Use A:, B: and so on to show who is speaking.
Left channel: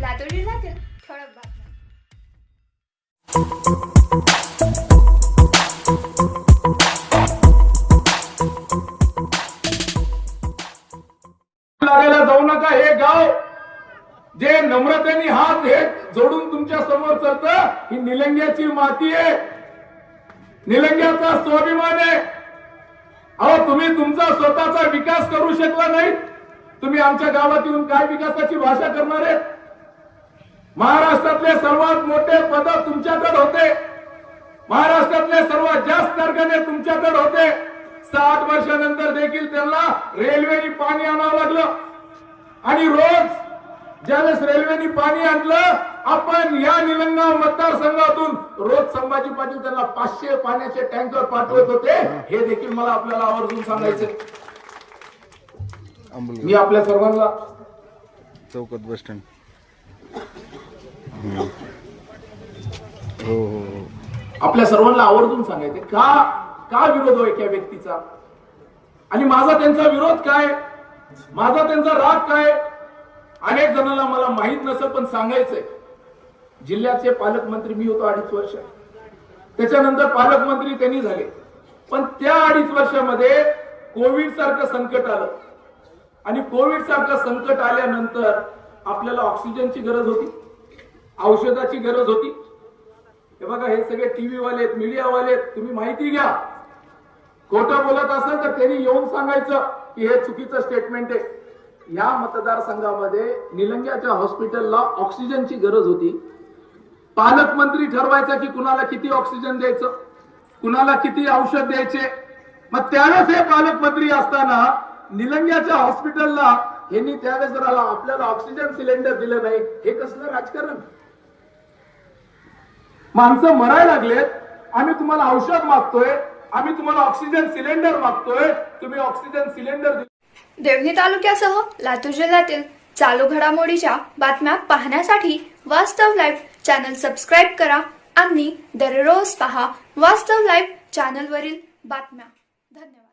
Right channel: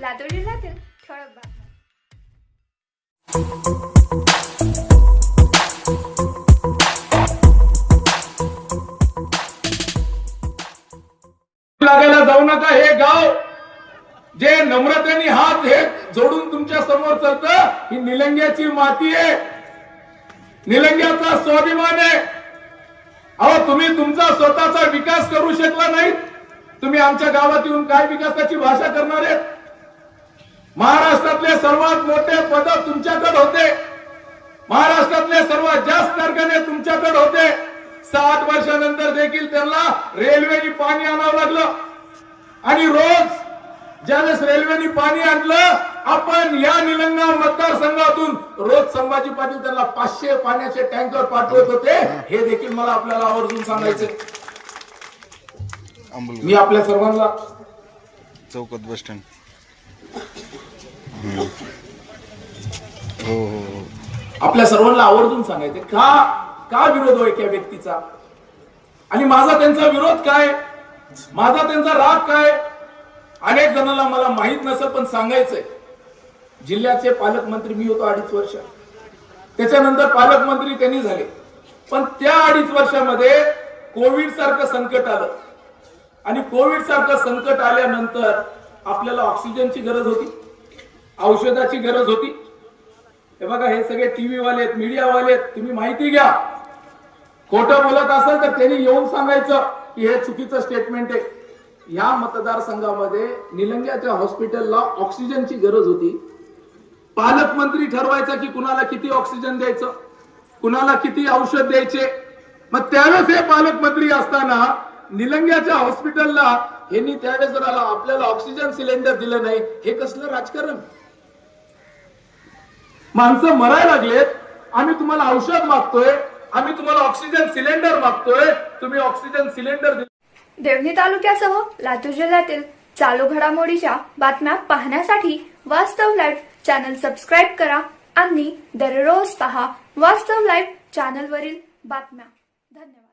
A: लातूर जिल्ह्यातील ठळक बातम्या
B: लागायला जाऊ नका हे गाव. जे नम्रतेने हात हे जोडून तुमच्यासमोर चालत ही निलंग्याची माती आहे. निलंग्याचा स्वाभिमान आहे. अहो तुम्ही तुमचा स्वतःचा विकास करू शकला नाही तुम्ही आमच्या गावात येऊन काय विकासाची भाषा करणार आहेत? महाराष्ट्रातले सर्वात मोठे पद तुमच्याकडे होते. महाराष्ट्रातले सर्वात जास्त कारखाने तुमच्याकडे होते. साठ वर्षानंतर देखील त्यांना रेल्वेने पाणी आणावं लागलं. आणि रोज ज्यावेळेस रेल्वेने पाणी आणलं आपण या निलंगा मतदारसंघातून रोज संभाजी पाटील त्यांना पाचशे पाण्याचे टँकर पाठवत होते. हे देखील मला आपल्याला आवर्जून सांगायचे मी आपल्या सर्वांना
C: चौकात बस स्टँड. हो, हो हो
B: आपल्या सर्वांना आवर्जून सांगायचे का का विरोध होय त्या व्यक्तीचा? आणि माझा त्यांचा विरोध काय? माझा त्यांचा राग काय? अनेक जणांना मला माहीत नसत पण सांगायचंय. जिल्ह्याचे पालकमंत्री मी होतो अडीच वर्ष. त्याच्यानंतर पालकमंत्री त्यांनी झाले. पण त्या अडीच वर्षामध्ये कोविड सारखं संकट आलं. आणि कोविड सारखं संकट आल्यानंतर आपल्याला ऑक्सिजनची गरज होती. औषधाची गरज होती. हे बघा हे सगळे टीव्ही वाले आहेत मीडिया वाले आहेत तुम्ही माहिती घ्या. खोटं बोलत असाल तर त्यांनी येऊन सांगायचं की हे चुकीचं स्टेटमेंट आहे. या मतदारसंघामध्ये निलंग्याच्या हॉस्पिटलला ऑक्सिजनची गरज होती. पालकमंत्री ठरवायचा की कुणाला किती ऑक्सिजन द्यायचं कुणाला किती औषध द्यायचे. मग त्यावेळेस हे पालकमंत्री असताना निलंग्याच्या हॉस्पिटलला यांनी त्यावेळेस जर आपल्याला ऑक्सिजन सिलेंडर दिलं नाही. हे कसलं राजकारण? माणसं मरायला लागलेत. आम्ही तुम्हाला औषध मागतोय. आम्ही तुम्हाला ऑक्सिजन सिलेंडर मागतोय. तुम्ही ऑक्सिजन सिलेंडर
A: देवणी तालुक्यासह लातूर जिल्ह्यातील चालू घडामोडीच्या बातम्या पाहण्यासाठी वास्तव लाईव्ह चॅनल सबस्क्राईब करा. आणि दररोज पहा वास्तव लाईव्ह चॅनलवरील बातम्या. धन्यवाद.